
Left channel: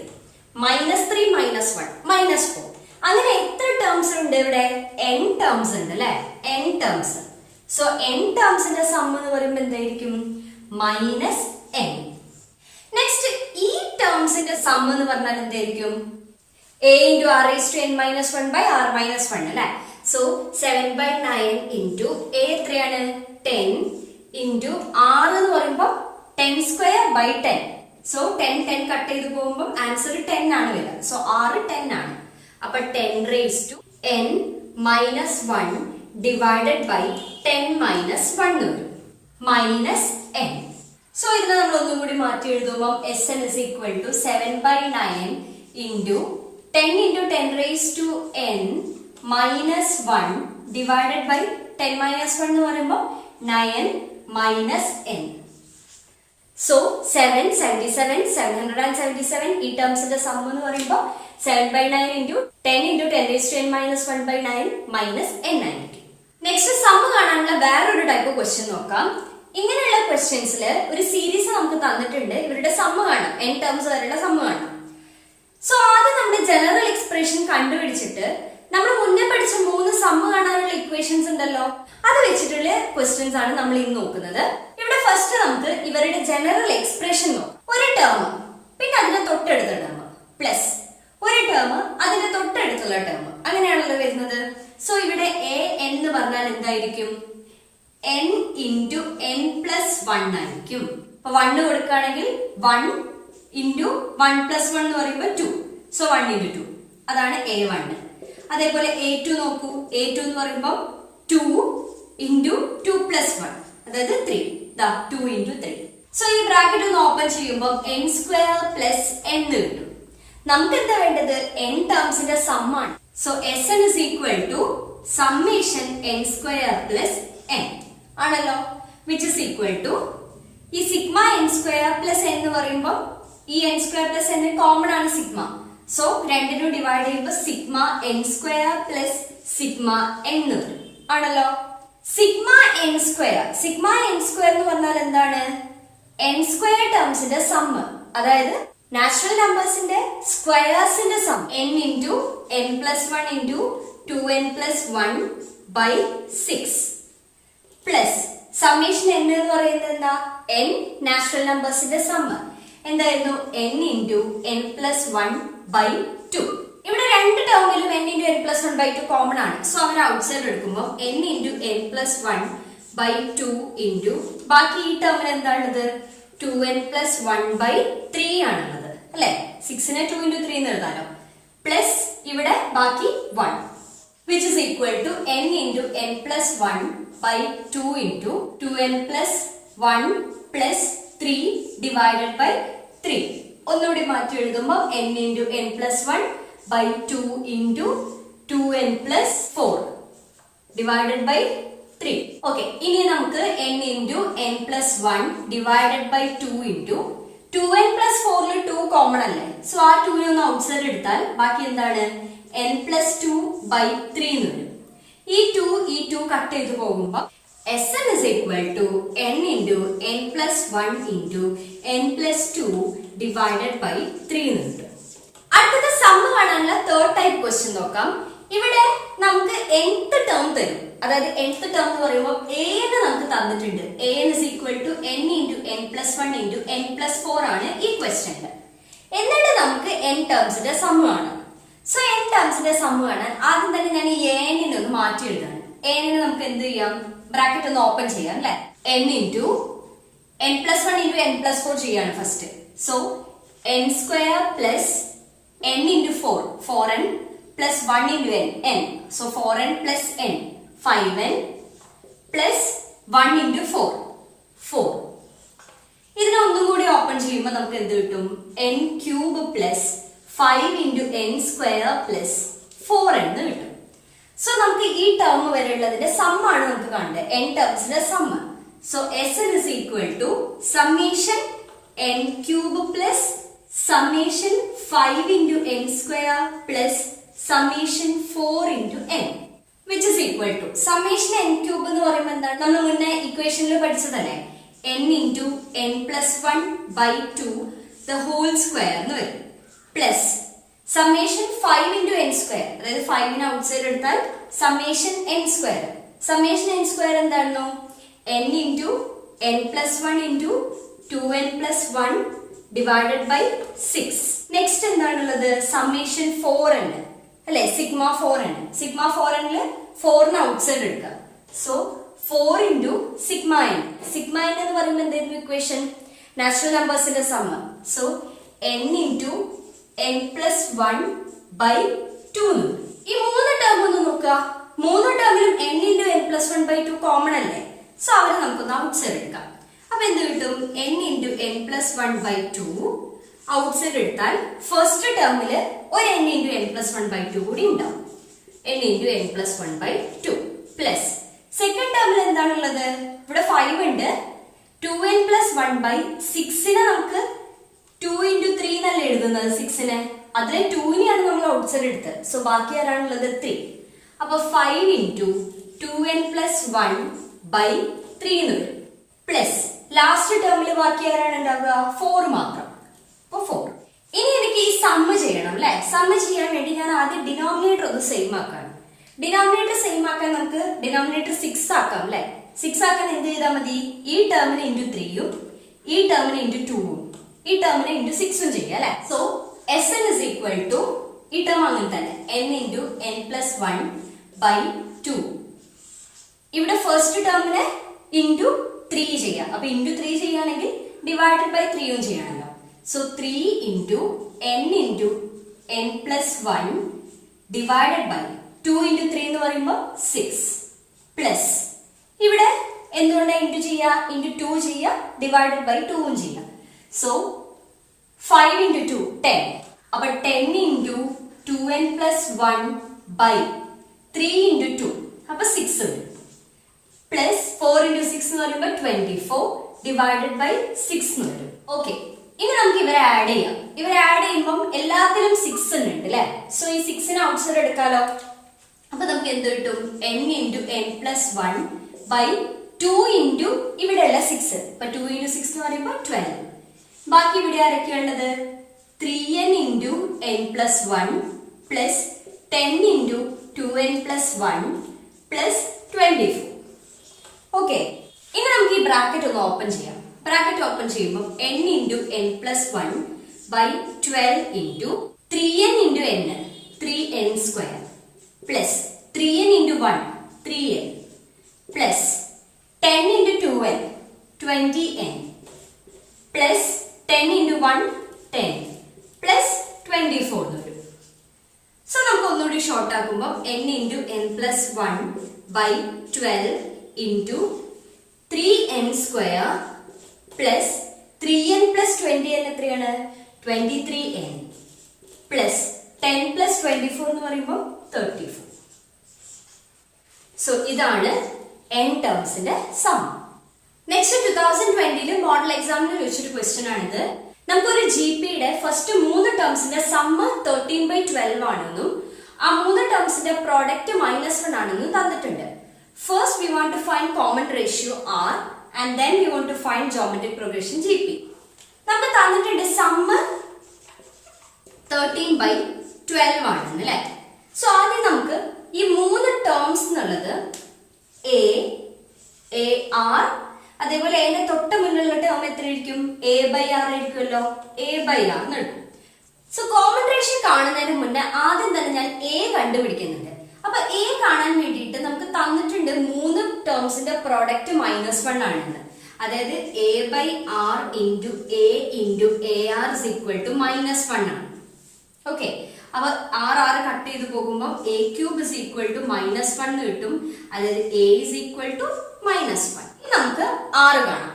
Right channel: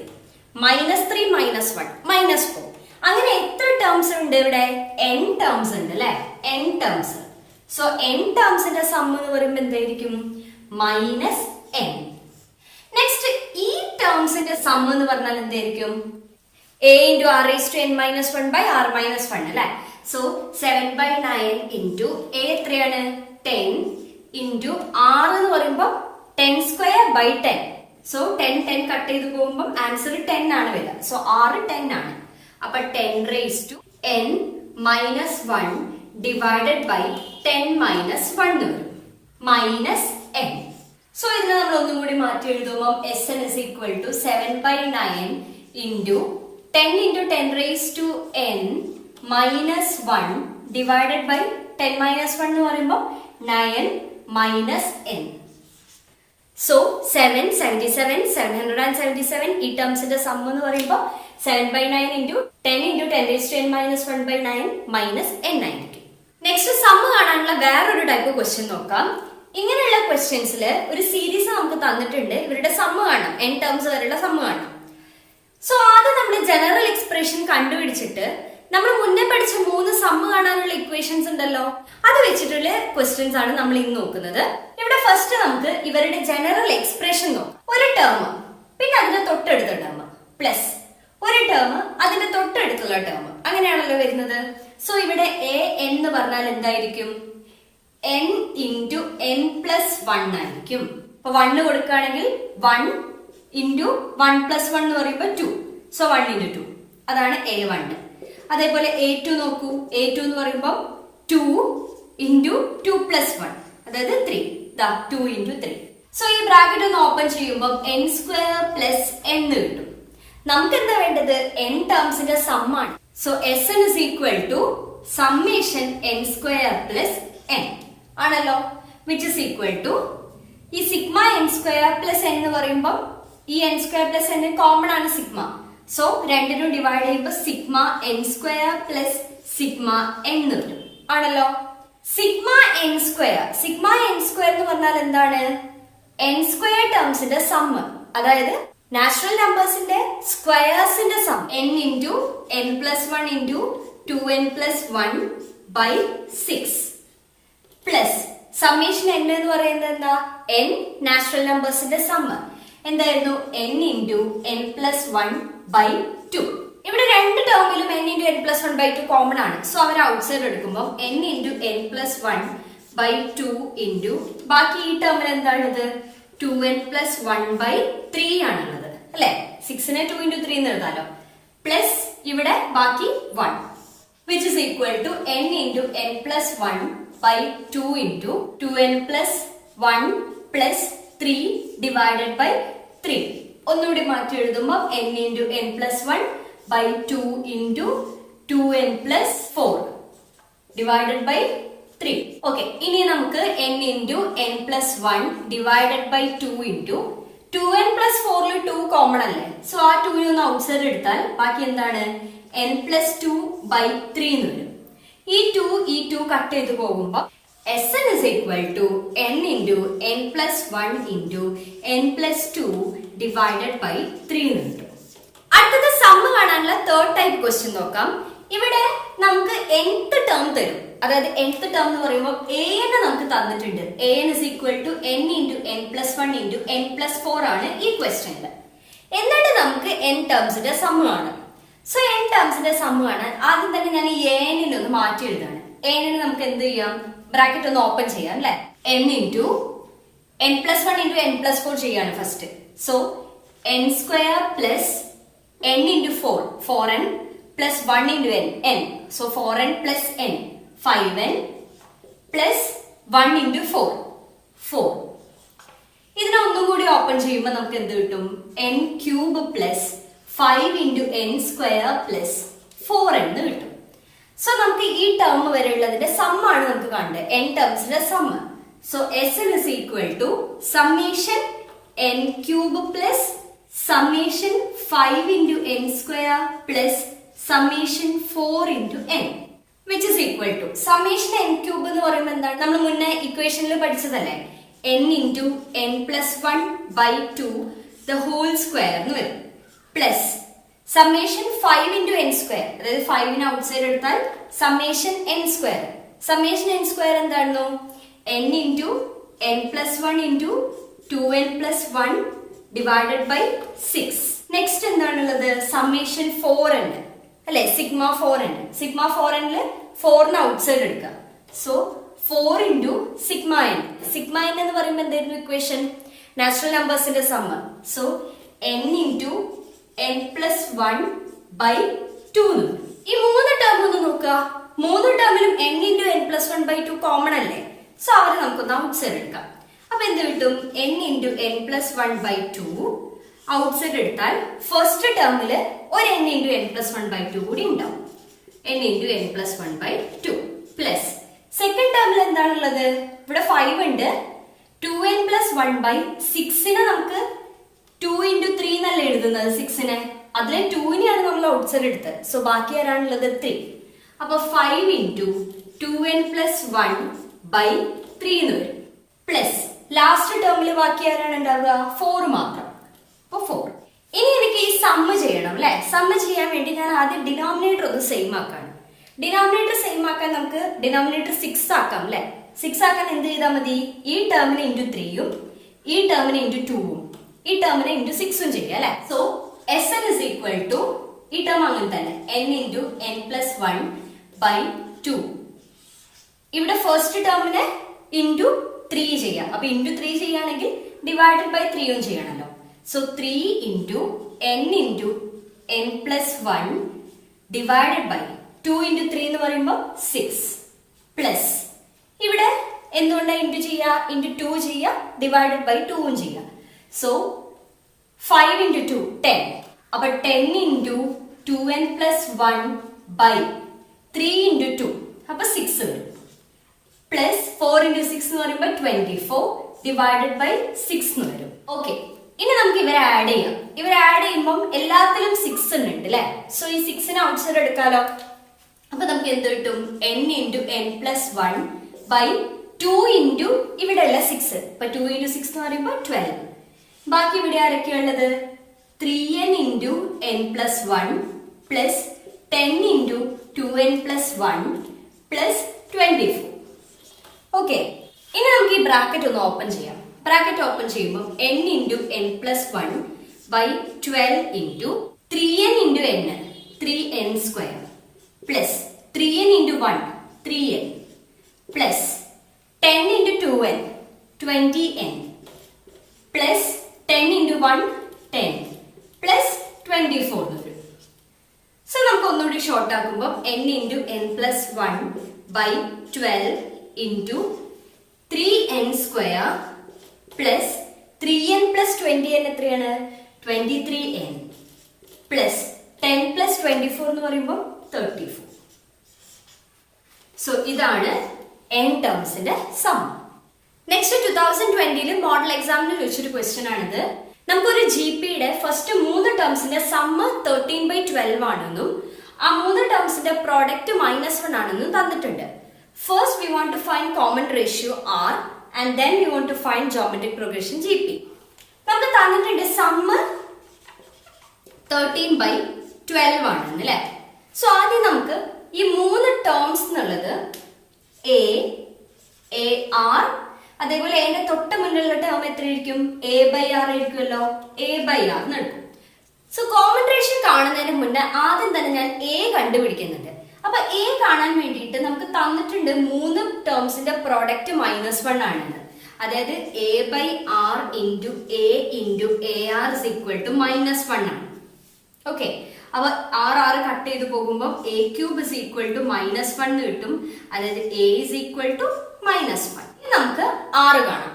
-3 -1 -4. അങ്ങനെ എത്ര ടേംസ് ഉണ്ട് ഇവിടെ? n ടേംസ് ഉണ്ട് അല്ലെ? n terms. സോ n ടേംസിന്റെ സം എന്ന് പറയുമ്പോൾ എന്തായിരിക്കും? -n. നെക്സ്റ്റ് ഈ ടേംസിന്റെ സം എന്ന് പറഞ്ഞാൽ എന്തായിരിക്കും? a into r raised to n minus 1 by r minus 1 അല്ലെ? സോ 7 by 9 into a എത്രയാണ്? 10 into r എന്ന് പറയുമ്പോൾ 10 സ്ക്വയർ by 10. സോ 10 കട്ട് ചെയ്ത് പോകുമ്പോൾ ആൻസർ 10 ആണ് വരിക. സോ r 10 ആണ്. അപ്പൊ 10 raised to n minus 1 divided by 10 minus 1 വരും. -n. സോ ഇതിനെ നമ്മൾ ഒന്നും കൂടി മാറ്റി എഴുതുമ്പോൾ Sn is equal to 7 by 9 into 10 into 10 raised to n minus 1 divided by 10 minus 1 എന്ന് പറയുമ്പോൾ 9 minus n. സോ 777 777 ഈ ടേംസിന്റെ സം എന്ന് പറയുമ്പോൾ 7 by 9 into 10 into 10 raised to n minus 1 by 9 minus n ആയിരിക്കും. നെക്സ്റ്റ് സം കാണാനുള്ള വേറൊരു ടൈപ്പ് ക്വസ്റ്റ്യൻ നോക്കാം. ഇങ്ങനെയുള്ള ക്വസ്റ്റ്യൻസിൽ ഒരു സീരീസ് നമുക്ക് തന്നിട്ടുണ്ട്. ഇവരുടെ സമ്മ് കാണാം, n ടേംസ് വരെയുള്ള സമ്മ് കാണാം. സോ ആദ്യം നമ്മൾ ജനറൽ എക്സ്പ്രഷൻ കണ്ടുപിടിച്ചിട്ട് നമ്മൾ മുന്നേ പഠിച്ച 3 സമ്മ് കാണാനുള്ള ഇക്വേഷൻസ് ഉണ്ടല്ലോ, അത് വെച്ചിട്ടുള്ള ക്വസ്റ്റ്യൻസ് ആണ് നമ്മൾ ഇന്ന് നോക്കുന്നത്. ഇവിടെ ഫസ്റ്റ് നമുക്ക് ഇവരുടെ ജനറൽ എക്സ്പ്രഷൻ നോക്കാം. ഒരു ടേം പിന്നെ അതിന്റെ തൊട്ടടുത്ത ടേം പ്ലസ് ഒരു ടേം അതിന്റെ തൊട്ടടുത്തുള്ള ടേം, അങ്ങനെയാണല്ലോ വരുന്നത്. സോ ഇവിടെ a n എന്ന് പറഞ്ഞാൽ എന്തായിരിക്കും? n into n plus 1 ആയിരിക്കും. അപ്പൊ 1 കൊടുക്കുകയാണെങ്കിൽ 1 into 1 plus 1 എന്ന് പറയുമ്പോൾ 2. സോ 1 into 2 അതാണ് a1. അതേപോലെ a2 നോക്കൂ. a2 എന്ന് പറയുമ്പോൾ 2 into 2 plus 1 അതായത് 3. 2 into 3. സോ ഈ ബ്രാക്കറ്റ് ഒന്ന് ഓപ്പൺ ചെയ്യുമ്പോൾ n സ്ക്വയർ പ്ലസ് n കിട്ടും. നമുക്ക് എന്താ വേണ്ടത്? n ടേംസിന്റെ സം ആണ്. So Sn is equal to summation n square plus n ആണല്ലോ, which is equal to ഈ sigma n square plus n എന്ന് പറയുമ്പോൾ ഈ n square plus n common ആണ് സിഗ്മ. സോ രണ്ടിനും ഡിവൈഡ് ചെയ്യുമ്പോൾ sigma n square plus sigma n വരും ആണല്ലോ. സിഗ്മ n square എന്ന് പറഞ്ഞാൽ എന്താണ്? n square ടേംസിന്റെ സം, അതായത് നാച്ചുറൽ നമ്പേഴ്സിന്റെ സ്ക്വയേഴ്സിന്റെ sum. n into n plus 1 into 2n plus 1 by 6 plus summation n എന്ന് പറയുന്നത് എന്താ? n നാച്ചുറൽ നമ്പേഴ്സിന്റെ സം എന്തായിരുന്നു? n into n plus 1 by 2. ഇവിടെ രണ്ട് ടേമിലും n into n plus 1 by 2 common ആണ്. സോ അവൻ ഔട്ട്സൈഡ് എടുക്കുമ്പോൾ n into n plus 1 by 2 into ബാക്കി ഈ ടേമിൽ എന്താണുള്ളത്? 2n plus 1 by 3 ആണുള്ളത് അല്ലെ. 6നെ 2 into 3 എന്ന് എഴുതാലോ. പ്ലസ് ഇവിടെ ബാക്കി 1 which is equal to n into n plus 1 by 2 into 2n plus 1 plus 3 divided by 3. ഒന്നുകൂടി മാറ്റി എഴുതുമ്പോൾ n into n plus 1 by 2 into 2n plus 4 divided by 3. Okay, ഇനി നമുക്ക് n into n plus 1 divided by 2 into 2n plus 4 ൽ 2 common അല്ലേ. So ആ 2 നെ ഒന്ന് ഔട്ട്സൈഡ് എടുത്താൽ ബാക്കി എന്താണ്? n plus 2 by 3 എന്ന് വരും. ഈ 2 കട്ട് ചെയ്ത് പോകുമ്പോൾ Sn is equal to n into n plus 1 into n plus 2 divided by 3 എന്ന് വരും. അടുത്തത് സം കാണാനുള്ള തേർഡ് ടൈപ്പ് ക്വസ്റ്റ്യൻ നോക്കാം. ഇവിടെ നമുക്ക് nth ടേം തരും, അതായത് nth ടേം എന്ന് പറയുമ്പോൾ an നമുക്ക് തന്നിട്ടുണ്ട്. an is equal to n into n plus 1 into n plus 4 ആണ് ഈ ക്വസ്റ്റ്യനിൽ. എന്നിട്ട് നമുക്ക് n ടേംസിന്റെ സം ആണ്. സോ n ടേംസിന്റെ സം കാണാൻ ആദ്യം തന്നെ ഞാൻ ഈ an നെ ഒന്ന് മാറ്റി എഴുതാണ്. an നെ നമുക്ക് എന്ത് ചെയ്യാം? ബ്രാക്കറ്റ് ഒന്ന് ഓപ്പൺ ചെയ്യാം അല്ലെ. n into n plus 1 into n plus 4 ചെയ്യാണ് first. So n square plus n into 4 4n plus 1 into n. So 4n plus n 5n plus 1 into 4 ഇതിനെ ഒന്നും കൂടി ഓപ്പൺ ചെയ്യുമ്പോൾ നമുക്ക് എന്ത് കിട്ടും? n cube plus 5 into n square plus 4n എന്ന് കിട്ടും. സോ നമുക്ക് ഈ ടേം വരെയുള്ളതിന്റെ സം ആണ് നമുക്ക് കാണേണ്ടത്, n ടേംസിന്റെ sum. So Sn is equal to summation n cube plus summation 5 into n square plus summation 4 into n which is equal to summation n cube എന്ന് പറയുമ്പോൾ എന്താണ്? നമ്മൾ മുന്നേ ഇക്വേഷനിൽ പഠിച്ചതല്ലേ, n into n plus 1 by 2 the whole square എന്ന് വരും. Plus summation 5 into n square, അതായത് 5 നെ ഔട്ട്സൈഡ് എടുത്താൽ summation n square. summation n square എന്തായിരുന്നു? n into n plus 1 into 2n plus 1 divided by 6. Next എന്താണുള്ളത്? സമ്മേഷൻ 4 ഉണ്ട് അല്ലെ, sigma 4 ഉണ്ട്. സിഗ്മ 4 ല് 4 നെ ഔട്ട്സൈഡ് എടുക്കുക. So 4 into sigma n. Sigma n എന്ന് പറയുമ്പോൾ എന്തായിരുന്നു ഇക്വേഷൻ? നാച്ചുറൽ നമ്പേഴ്സിന്റെ sum. So n into n plus 1 by 2. ഈ മൂന്ന് ടേം ഒന്ന് നോക്കുക. മൂന്ന് ടേമിനും n into n plus 1 by 2 common അല്ലേ. സോ അവരെ നമുക്കൊന്ന് ഔട്ട്സൈഡ് എടുക്കാം. അപ്പൊ എന്ത് കിട്ടും? n into n plus 1 by 2 outside എടുത്താൽ ഫസ്റ്റ് ടേമില് ഒരു n into n plus 1 by 2 കൂടി ഉണ്ടാവും. n into n plus 1 by 2 plus second ടേമിൽ എന്താണുള്ളത്? ഇവിടെ 5 ഉണ്ട്. 2n plus 1 by 6നെ നമുക്ക് 2 into 3 എന്നല്ല എഴുതുന്നത് 6നെ. അതിലെ 2നെയാണ് നമ്മൾ ഔട്ട്സൈഡ് എടുത്തത്. സോ ബാക്കി ആരാണുള്ളത്? 3. അപ്പൊ 5 into 2n plus 1 by 3 എന്ന് വരും. പ്ലസ് ലാസ്റ്റ് ടേമിൽ ബാക്കി ആരാണ് ഉണ്ടാവുക? 4 മാത്രം. അപ്പൊ 4. ഇനി എനിക്ക് ഈ സമ്മ് ചെയ്യണം അല്ലെ. സമ്മ് ചെയ്യാൻ വേണ്ടി ഞാൻ ആദ്യം ഡിനോമിനേറ്റർ ഒന്ന് സെയിം ആക്കാണ്. ഡിനോമിനേറ്റർ സെയിം ആക്കാൻ നമുക്ക് ഡിനോമിനേറ്റർ 6 ആക്കാം അല്ലെ. 6 ആക്കാൻ എന്ത് ചെയ്താൽ മതി? ഈ ടേമിന് ഇൻറ്റു 3യും ഈ ടേമിന് ഇൻറ്റു 2വും ഈ ടേമിന് ഇൻറ്റു 6ഉം ചെയ്യാം അല്ലെ. So Sn is equal to ഈ ടേം അങ്ങനെ തന്നെ n into n plus 1 by 2. ഇവിടെ ഫസ്റ്റ് ടേമിനെ ഇൻറ്റു 3 ചെയ്യാം. അപ്പൊ ഇൻറ്റു 3 ചെയ്യുകയാണെങ്കിൽ ഡിവൈഡഡ് ബൈ 3യും ചെയ്യണമല്ലോ. So 3 into n plus 1 divided by 2 into 3 എന്ന് പറയുമ്പോൾ 6 പ്ലസ് ഇവിടെ എന്തുകൊണ്ടാണ് ഇൻറ്റു ചെയ്യുക? ഇൻറ്റു 2 ചെയ്യുക, ഡിവൈഡഡ് ബൈ 2ഉം ചെയ്യുക. So 5 into 2 10. അപ്പൊ 10 into 2n plus 1 by 3 into 2 അപ്പൊ 6 വരും. പ്ലസ് 4 into 6 എന്ന് പറയുമ്പോൾ 24 ഡിവൈഡഡ് ബൈ 6 എന്ന് വരും. ഓക്കെ, ഇനി നമുക്ക് ഇവരെ ആഡ് ചെയ്യാം. ഇവരെ ആഡ് ചെയ്യുമ്പോൾ എല്ലാത്തിലും 6 ഉണ്ട് അല്ലെ. സോ ഈ 6നെ ഔട്ട്സൈഡ് എടുക്കാലോ. അപ്പൊ നമുക്ക് എന്ത് കിട്ടും? n into n plus 1 by 2 into ഇവിടെയുള്ള 6. അപ്പൊ 2 into 6 എന്ന് പറയുമ്പോൾ 12. ബാക്കി ഇവിടെ ആരൊക്കെയുള്ളത്? 3n into n plus 1 plus 10 into 2n plus 1 plus 24. Okay, ഇനി നമുക്ക് ഈ ബ്രാക്കറ്റ് ഒന്ന് ഓപ്പൺ ചെയ്യാം. ബ്രാക്കറ്റ് ഓപ്പൺ ചെയ്യുമ്പോൾ n into n plus 1 by 12 into 3n into n 3n square plus 3n into 1 3n plus 10 into 2n 20n plus 10 into 1 10 plus 24 എന്ന് വരും. So നമുക്ക് ഒന്നുകൂടി ഷോർട്ട് ആക്കുമ്പോൾ n into n plus 1 by 12 into 3n square plus 3n plus 20n എത്രയാണ്? 23n plus 10 plus 24 എന്ന് പറയുമ്പോൾ 34. So ഇതാണ് n ടേംസിന്റെ സം. നെക്സ്റ്റ് 2020 മോഡൽ എക്സാമിന് ചോദിച്ചൊരു ക്വസ്റ്റ്യൻ ആണിത്. നമുക്കൊരു ജിപിയുടെ ഫസ്റ്റ് 3 ടേംസിന്റെ സമ്മ് 13/12 ആണെന്നും ആ 3 ടേംസിന്റെ പ്രോഡക്റ്റ് -1 ആണെന്നും തന്നിട്ടുണ്ട്. First we want to find common ratio r and then we want to find geometric progression GP. നമുക്ക് തന്നിട്ടുണ്ട് സമ്മ് 13/12 ആണ് അല്ലേ. സോ ആദ്യം നമുക്ക് ഈ 3 ടേംസ് എന്നുള്ളത് a r അതേപോലെ എന്റെ തൊട്ട് മുന്നിലുള്ള ടേം എത്രയായിരിക്കും? a/r ആയിരിക്കുമല്ലോ. a/r എന്ന് എടുക്കും. സോ കോമൺ റേഷ്യോ കാണുന്നതിന് മുന്നേ ആദ്യം തന്നെ ഞാൻ a കണ്ടുപിടിക്കുന്നുണ്ട്. അപ്പൊ a കാണാൻ വേണ്ടിയിട്ട് നമുക്ക് തന്നിട്ടുണ്ട് 3 ടേംസിന്റെ പ്രോഡക്റ്റ് -1 ആണെന്ന്. അതായത് a/r into a into ar is equal to -1 ആണ്. ഓക്കെ, അപ്പൊ r കട്ട് ചെയ്ത് പോകുമ്പോൾ a cube is equal to -1 എന്ന് കിട്ടും. അതായത് a is equal to -1. ഇനി നമുക്ക് r കാണാം.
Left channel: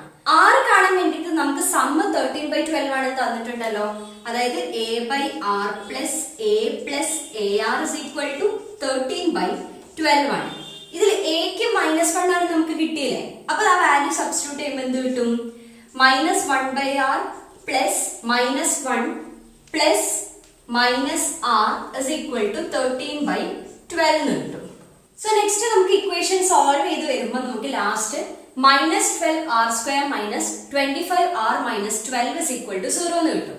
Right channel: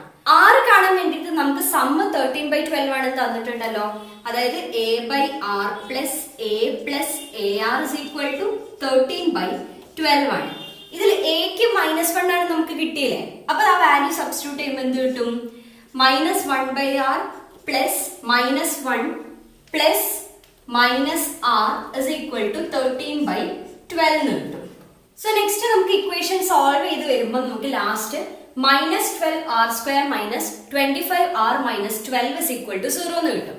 r കാണാൻ വേണ്ടിയിട്ട് നമുക്ക് സമ്മ് 13/12 ആണ് തന്നിട്ടുണ്ടല്ലോ. അതായത് a/r plus a plus ar is equal to 13/12 ആണ്. ഇതിൽ എക്ക് -1 ആണ് നമുക്ക് കിട്ടിയില്ലേ. അപ്പൊ ആ വാല്യൂ സബ്സ്റ്റിറ്റ്യൂട്ട് ചെയ്യുമ്പോൾ എന്ത് കിട്ടും? -1/r plus -1 plus -r is equal to 13/12 എന്ന് കിട്ടും. സോ നെക്സ്റ്റ് നമുക്ക് ഇക്വേഷൻ സോൾവ് ചെയ്ത് വരുമ്പോൾ നമുക്ക് last -12r² minus 25r minus 12 is equal to 0 എന്ന് കിട്ടും.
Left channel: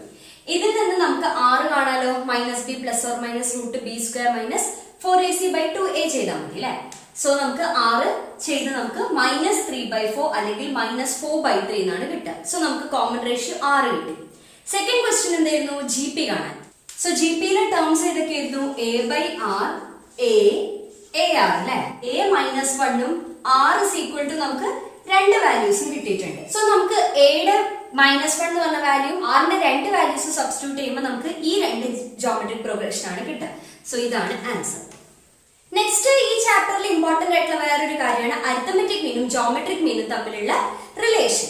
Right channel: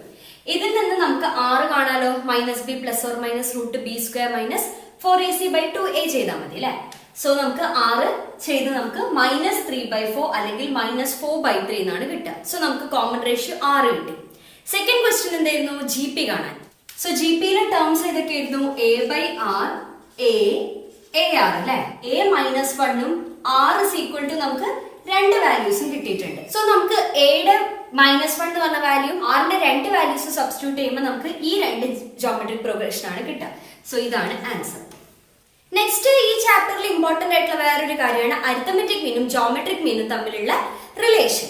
ഇതിൽ നിന്ന് നമുക്ക് r കാണാലോ. -b plus or minus √b² minus 4ac/2a ചെയ്താൽ മതി അല്ലെ. സോ നമുക്ക് r ചെയ്ത് നമുക്ക് -3/4 അല്ലെങ്കിൽ -4/3 എന്നാണ് കിട്ടുക. സോ നമുക്ക് കോമൺ റേഷ്യോ r കിട്ടി. സെക്കൻഡ് ക്വസ്റ്റ്യൻ എന്തായിരുന്നു? GP കാണാൻ. സോ GPയിലെ ടേംസ് ഏതൊക്കെയായിരുന്നു? a/r ar അല്ലെ. a -1 ഉം r is equal to നമുക്ക് രണ്ട് വാല്യൂസും കിട്ടിയിട്ടുണ്ട്. സോ നമുക്ക് എയുടെ -1 എന്ന് പറഞ്ഞ വാല്യൂ ആറിന്റെ രണ്ട് വാല്യൂസ് സബ്സ്റ്റിറ്റ്യൂട്ട് ചെയ്യുമ്പോൾ നമുക്ക് ഈ രണ്ട് ജോമെട്രിക് പ്രോഗ്രഷൻ ആണ് കിട്ടുക. സോ ഇതാണ് ആൻസർ. നെക്സ്റ്റ് ഈ ചാപ്റ്ററിൽ ഇമ്പോർട്ടന്റ് ആയിട്ടുള്ള വേറൊരു കാര്യമാണ് അരിത്തമെറ്റിക് മീനും ജോമെട്രിക് മീനും തമ്മിലുള്ള റിലേഷൻ.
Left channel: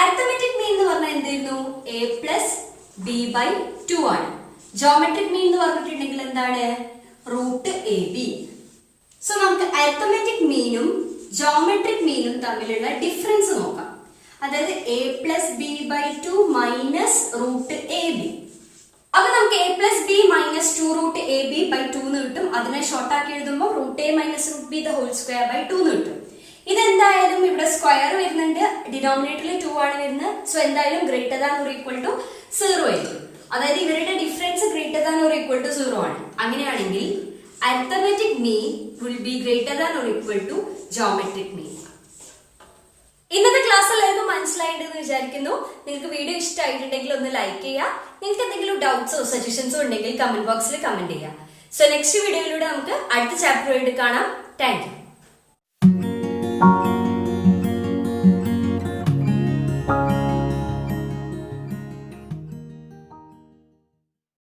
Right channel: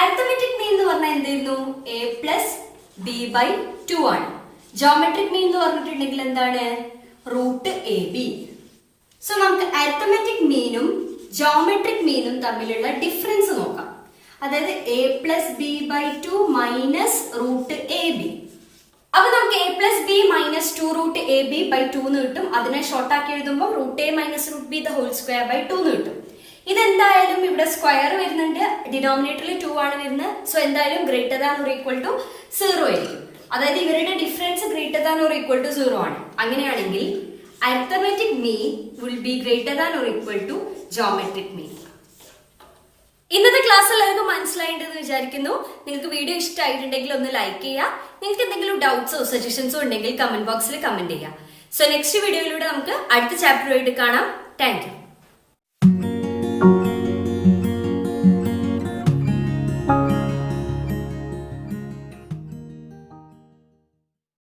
അരിത്തമെറ്റിക് മീൻ എന്ന് പറഞ്ഞാൽ എന്തായിരുന്നു? a+b/2 ആണ്. ജോമെട്രിക് മീൻ എന്ന് പറഞ്ഞിട്ടുണ്ടെങ്കിൽ എന്താണ്? √ab. സോ നമുക്ക് അരിത്തമെറ്റിക് മീനും ജോമെട്രിക് മീനും തമ്മിലുള്ള ഡിഫറൻസ് നോക്കാം. അതായത് a+b/2 മൈനസ് √ab. അപ്പൊ നമുക്ക് a+b minus 2√ab/2 എന്ന് കിട്ടും. അതിനെ ഷോർട്ട് ആക്കി എഴുതുമ്പോൾ √a minus √b² എന്ന് കിട്ടും. ഇതെന്തായാലും ഇവിടെ സ്ക്വയർ വരുന്നുണ്ട്, ഡിനോമിനേറ്ററിൽ 2 ആണ് വരുന്നത്. സോ എന്തായാലും greater than or equal to 0 ആയിരിക്കും. അതായത് ഇവരുടെ difference greater than or equal to 0 ആണ്. അങ്ങനെയാണെങ്കിൽ arithmetic mean will be greater than or equal to geometric mean. ഇന്നത്തെ ക്ലാസ് എല്ലാവർക്കും മനസ്സിലായിട്ടുണ്ടെന്ന് വിചാരിക്കുന്നു. നിങ്ങൾക്ക് വീഡിയോ ഇഷ്ടമായിട്ടുണ്ടെങ്കിൽ ഒന്ന് ലൈക്ക് ചെയ്യുക. നിങ്ങൾക്ക് എന്തെങ്കിലും ഡൗട്ട്സോ സജഷൻസോ ഉണ്ടെങ്കിൽ കമന്റ് ബോക്സിൽ കമന്റ് ചെയ്യുക. സോ നെക്സ്റ്റ് വീഡിയോയിലൂടെ നമുക്ക് അടുത്ത ചാപ്റ്ററുമായിട്ട് കാണാം. Thank you.